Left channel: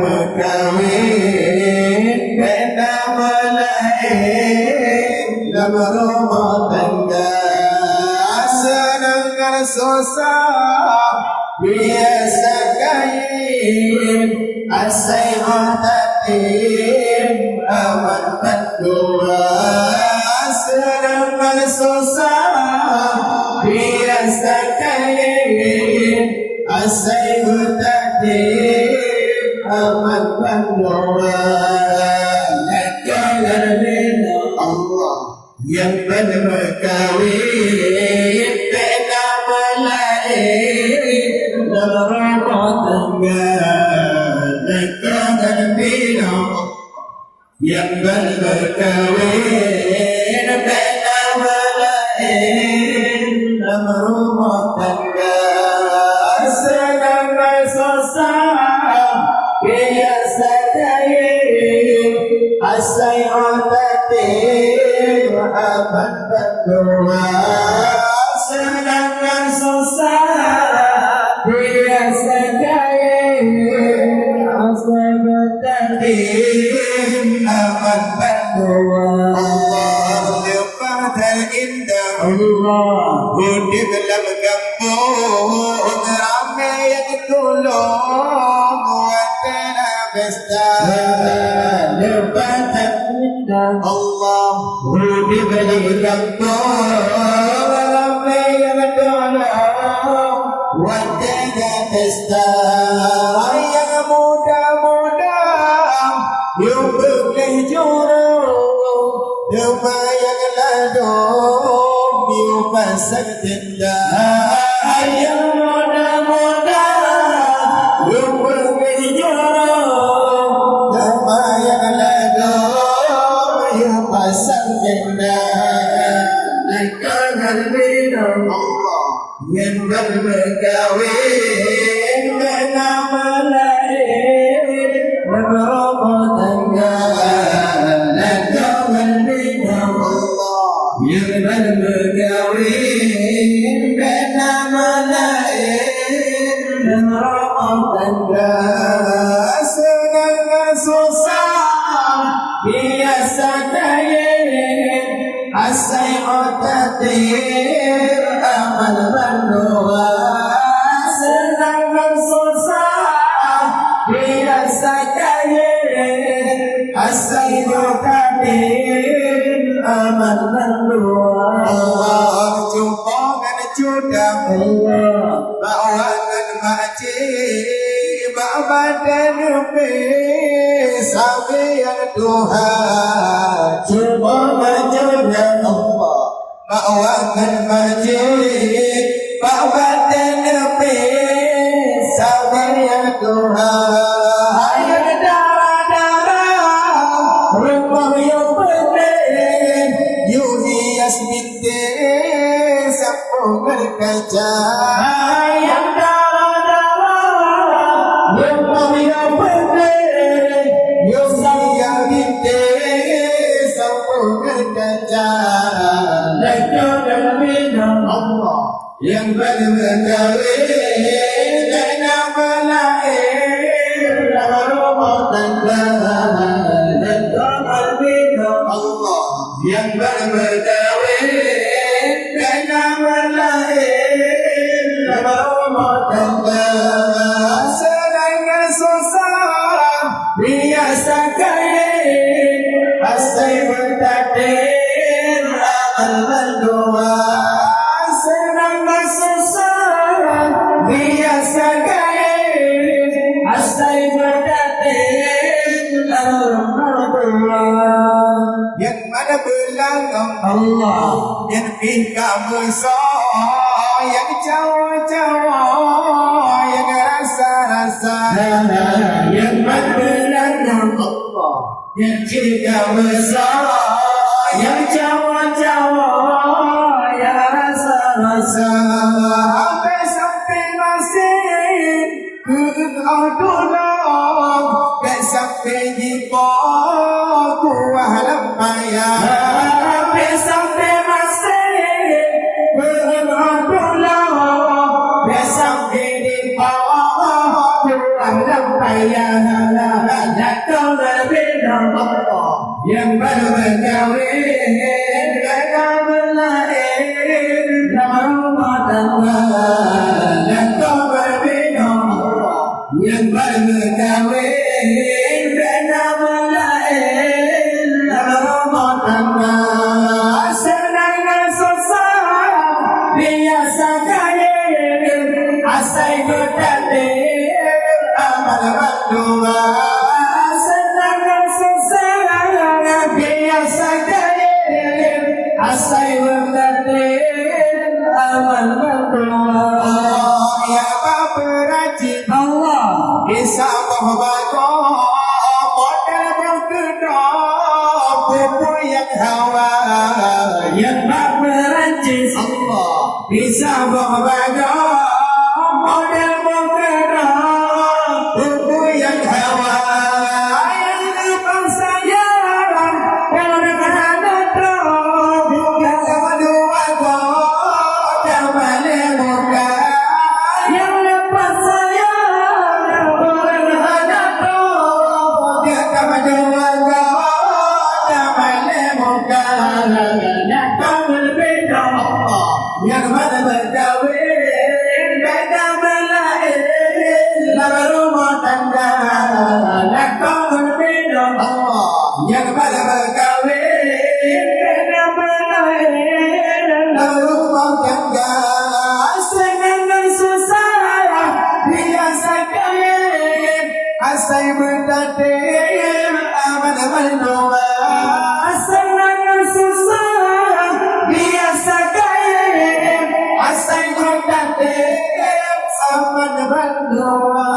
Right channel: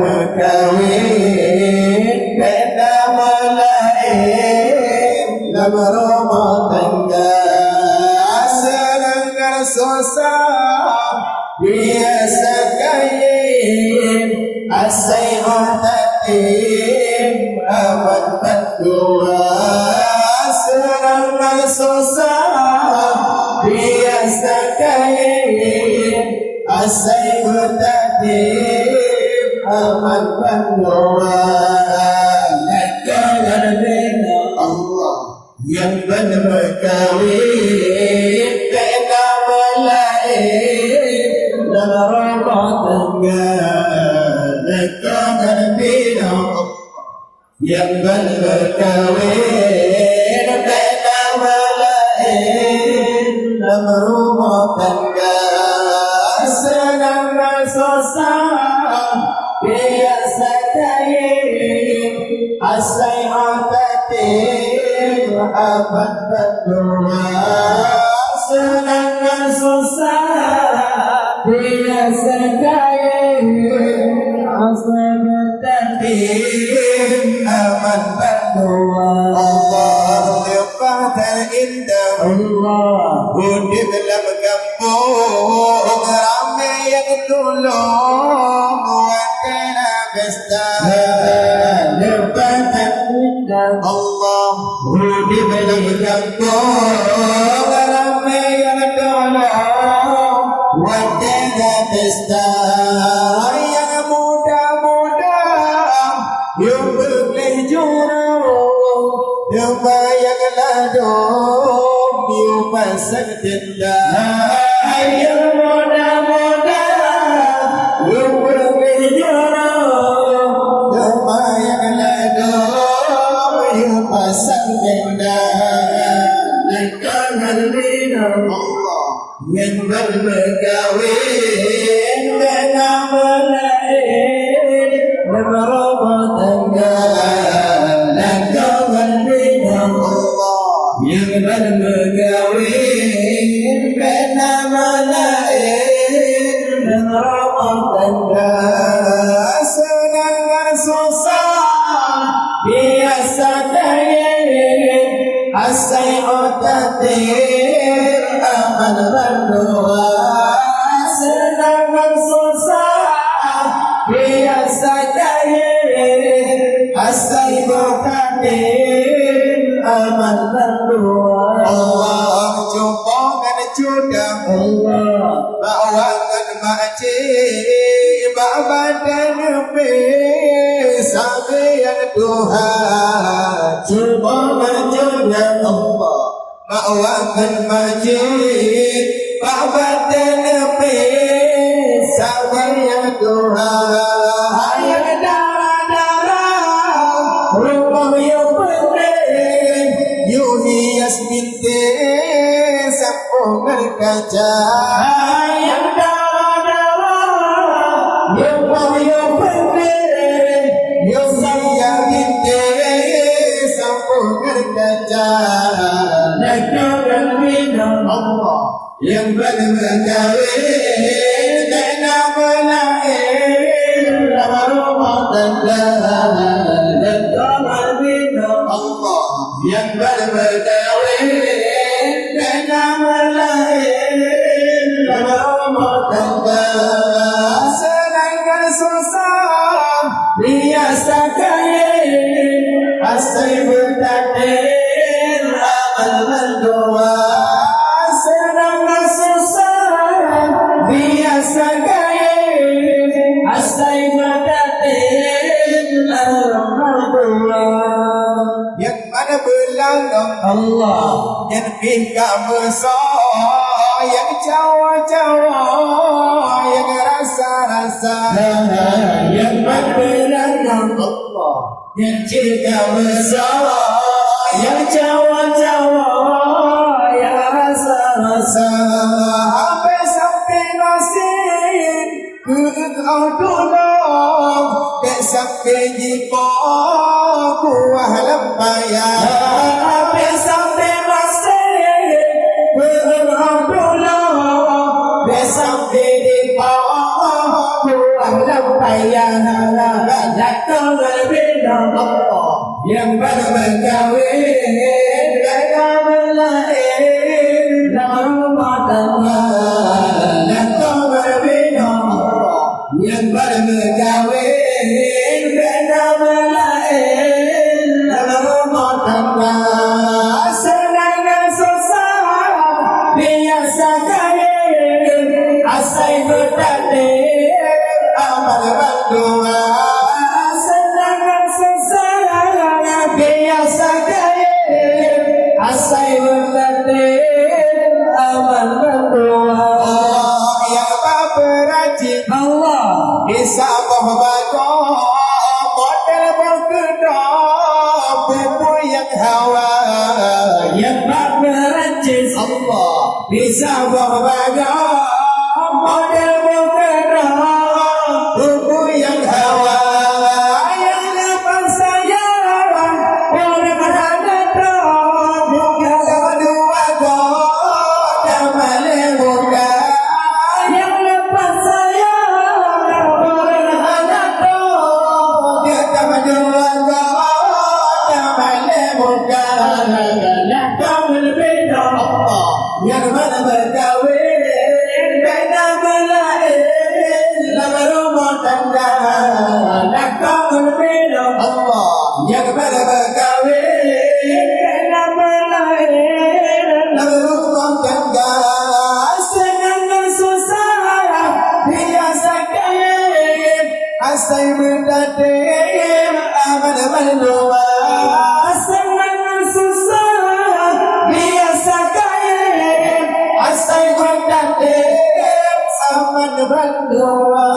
berkawin beda malaik dalam rumah tangga senang susah biasa kain asai matatim amat berdua senang susah biasa kain asai matatim amat berdua negara Allah yang berkawin beda malaik dalam rumah tangga negara yang berkawin beda malaik dalam rumah tangga senang susah biasa kain asai otatim amat berdua senang susah biasa kain asai otatim amat berdua Allah Qadar indah Allah Budi dalam kampung ramai yang tolong Wakana besar Allah Budi dalam kampung ramai yang tolong Wakana besar yang muda-muda yang boleh jurung yang bayang ladung yang pasang tenda yang muda-muda yang boleh jurung yang bayang ladung yang pasang tenda negara Allah yang berkawin dengan malaik berumah tangga yang berkawin bina malaik dan rumah tangga senang susah biasa kain asai otatim amal berdua senang susah biasa kain asai otatim amal berdua Allah jumpa dengan jodoh Allah bawa dengan makcik bawa dan nubis sampai yang Tuhan jumpa dengan jodoh Allah bawa dengan makcik bawa dan nubis sampai yang Tuhan yang darah-darah rumah yang Yunias binti sampung berkaca yang darah-darah yang yang penting Yunias binti sampung berkaca negara minum Allah yang berkawin dengan malaik dalam rumah tangga negara minum Allah yang berkawin dengan malaik dalam rumah tangga senang susah biasa kain asai bertakdir amal berdua senang susah biasa kain asai bertakdir amal berdua yang mana belakang Allah yang tingkah besar yang cawa-cawa yang rasa-rasa yang belakang Allah yang tingkah besar yang cawa-cawa yang rasa-rasa sampai masih kau tolong sampai di buah lampayan sampai masih berdoa sampai di bawah buah lampayan datang berbeda yang baru berkahwin gagal berlahir dalam rumah tangga datang berbeda yang baru berkahwin gagal berlahir dalam rumah tangga senang dan susah biasa kaya asal bertakdir amal berdua senang dan susah biasa kaya asal bertakdir amal berdua yang berperajin Allah kisah bahwa model berkedok bubu yang hawa yang berancis Allah bisa berbaga model berkedok bubu yang hawa yang lepas sayaran yang dekat datang bukan kedua kau jamal muka yang lepas sayaran yang datang dia kedua kau jamal muka datang berbeda yang mana berkahwin beda berlahir dalam rumah tangga datang berbeda yang mana berkahwin beda berlahir dalam rumah tangga senang dan susah biasa kaya asal bertakdir aman berdua senang dan susah biasa kaya asal bertakdir aman berdua